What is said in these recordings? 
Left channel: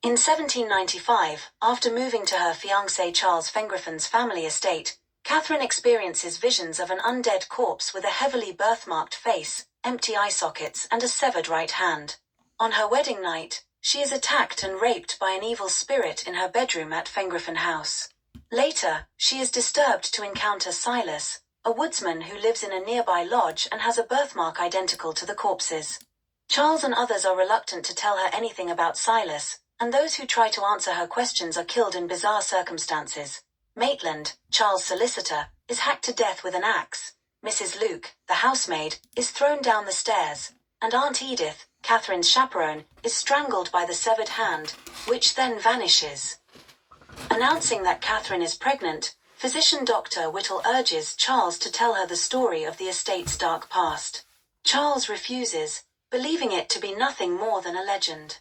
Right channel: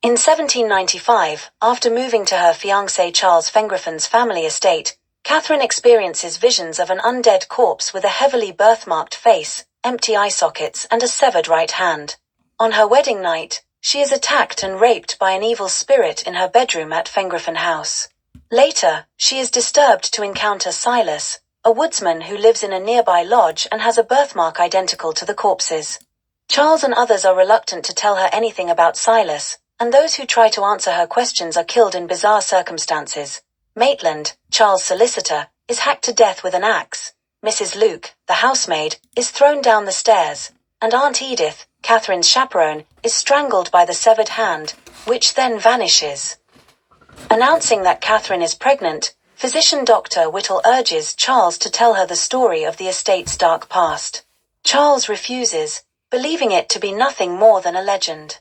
In 1795, after moving to her fiancé Charles Fengrafen's family estate, Catherine experiences visions of an undead corpse with a heavily birthmarked face, empty eye sockets, and a severed right hand. On her wedding night, she is attacked and raped by an evil spirit in her bedroom at Fengrafen House. Later, she is disturbed to encounter Silas, a woodsman who lives in a nearby lodge and has a birthmark identical to the corpse's. Charles and others are reluctant to tell her anything about Silas, and those who try to answer her questions are killed in bizarre circumstances. Maitland, Charles' solicitor, is hacked to death with an axe. Mrs. Luke, the housemaid, is thrown down the stairs, and Aunt Edith, Catherine's chaperone, is strangled by the severed hand, which then vanishes. Announcing that Catherine is pregnant, physician Dr. Whittle urges Charles to tell her the story of the estate's dark past. Charles refuses, believing it to be nothing more than a legend.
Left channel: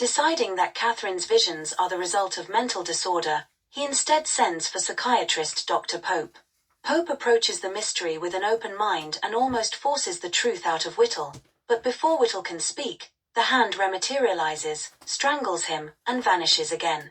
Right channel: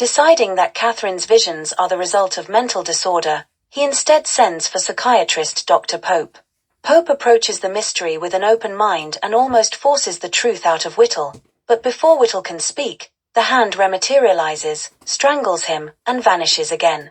Deciding that Catherine's visions are the result of mental disorder, he instead sends for psychiatrist Dr. Pope. Pope approaches the mystery with an open mind and almost forces the truth out of Whittle, but before Whittle can speak, the hand rematerializes, strangles him, and vanishes again.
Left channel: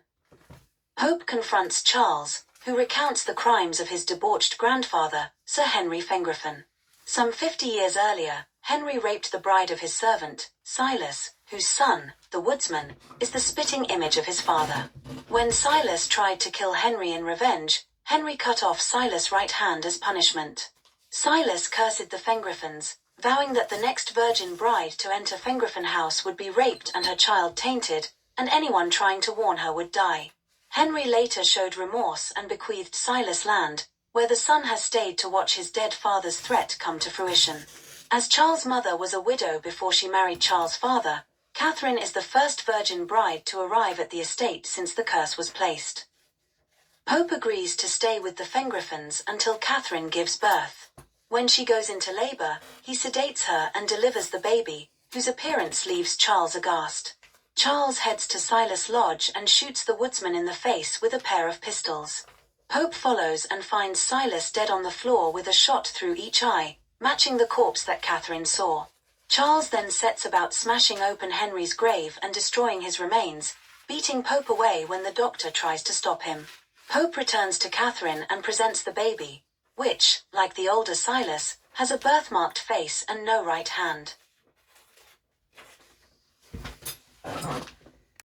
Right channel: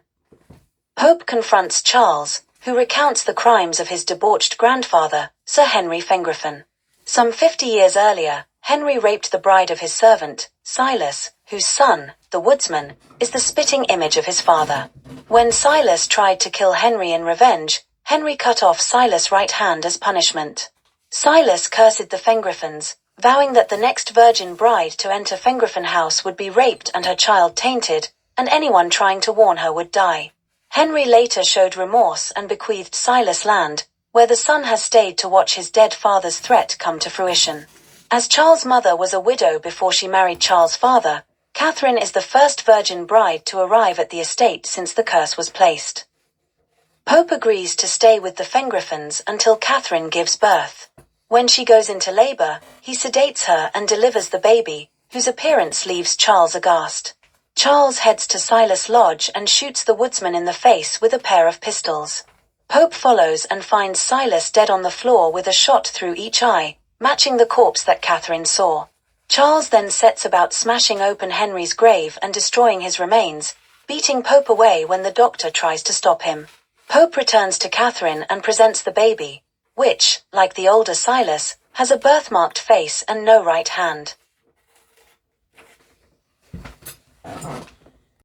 Pope confronts Charles, who recounts the crimes of his debauched grandfather, Sir Henry Fengrafen. Some 50 years earlier, Henry raped the bride of his servant, Silas, whose son, the woodsman, is the spitting image of his father. When Silas tried to kill Henry in revenge, Henry cut off Silas' right hand as punishment. Silas cursed the Fengrafens, vowing that the next virgin bride to enter Fengrafen House would be raped and her child tainted, and anyone trying to warn her would die. Henry later showed remorse and bequeathed Silas land, where the son has stayed to watch his dead father's threat come to fruition. As Charles' mother was a widow before she married Charles' father, Catherine is the first virgin bride to arrive at the estate since the curse was placed. Pope agrees to stay with the Fengrafens until Catherine gives birth. When she goes into labor, he sedates her and delivers the baby, whose appearance leaves Charles aghast. Charles heads to Silas' lodge and shoots the woodsman in the face with a pair of pistols. Pope follows and finds Silas dead on the floor with a shot through each eye, matching the corpse that Catherine saw. Charles then sets about smashing open Henry's grave and destroying his remains, beating Pope away when the doctor tries to stop him. Pope returns to Catherine and presents the baby, which, like the older Silas, has a birthmarked face and no right hand.